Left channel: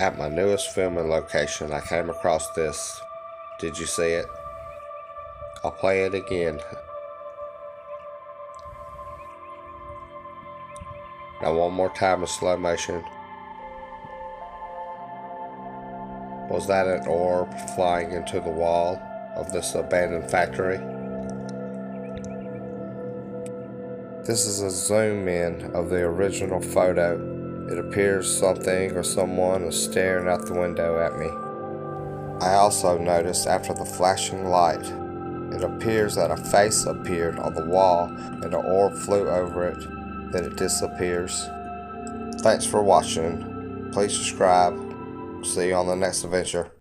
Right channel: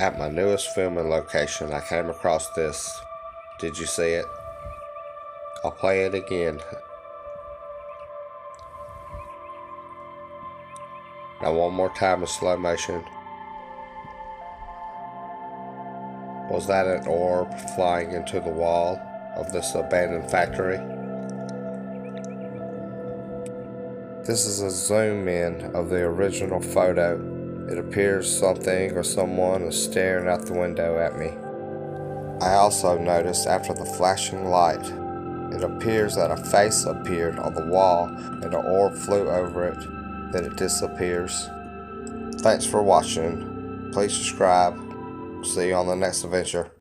At my newest filming location, I came across this. Did you see it? I'll play it again. Now one more time in slow motion. Was that an orb flying into the wall of this abandoned factory? This is a zoom in of the original photo. It appears something or someone is staring out the window at me. I also noticed after the flashing light, it appears that a face appeared on the wall and an orb flew over it, then it disappears. Thanks for watching. Please subscribe. See you on the next adventure.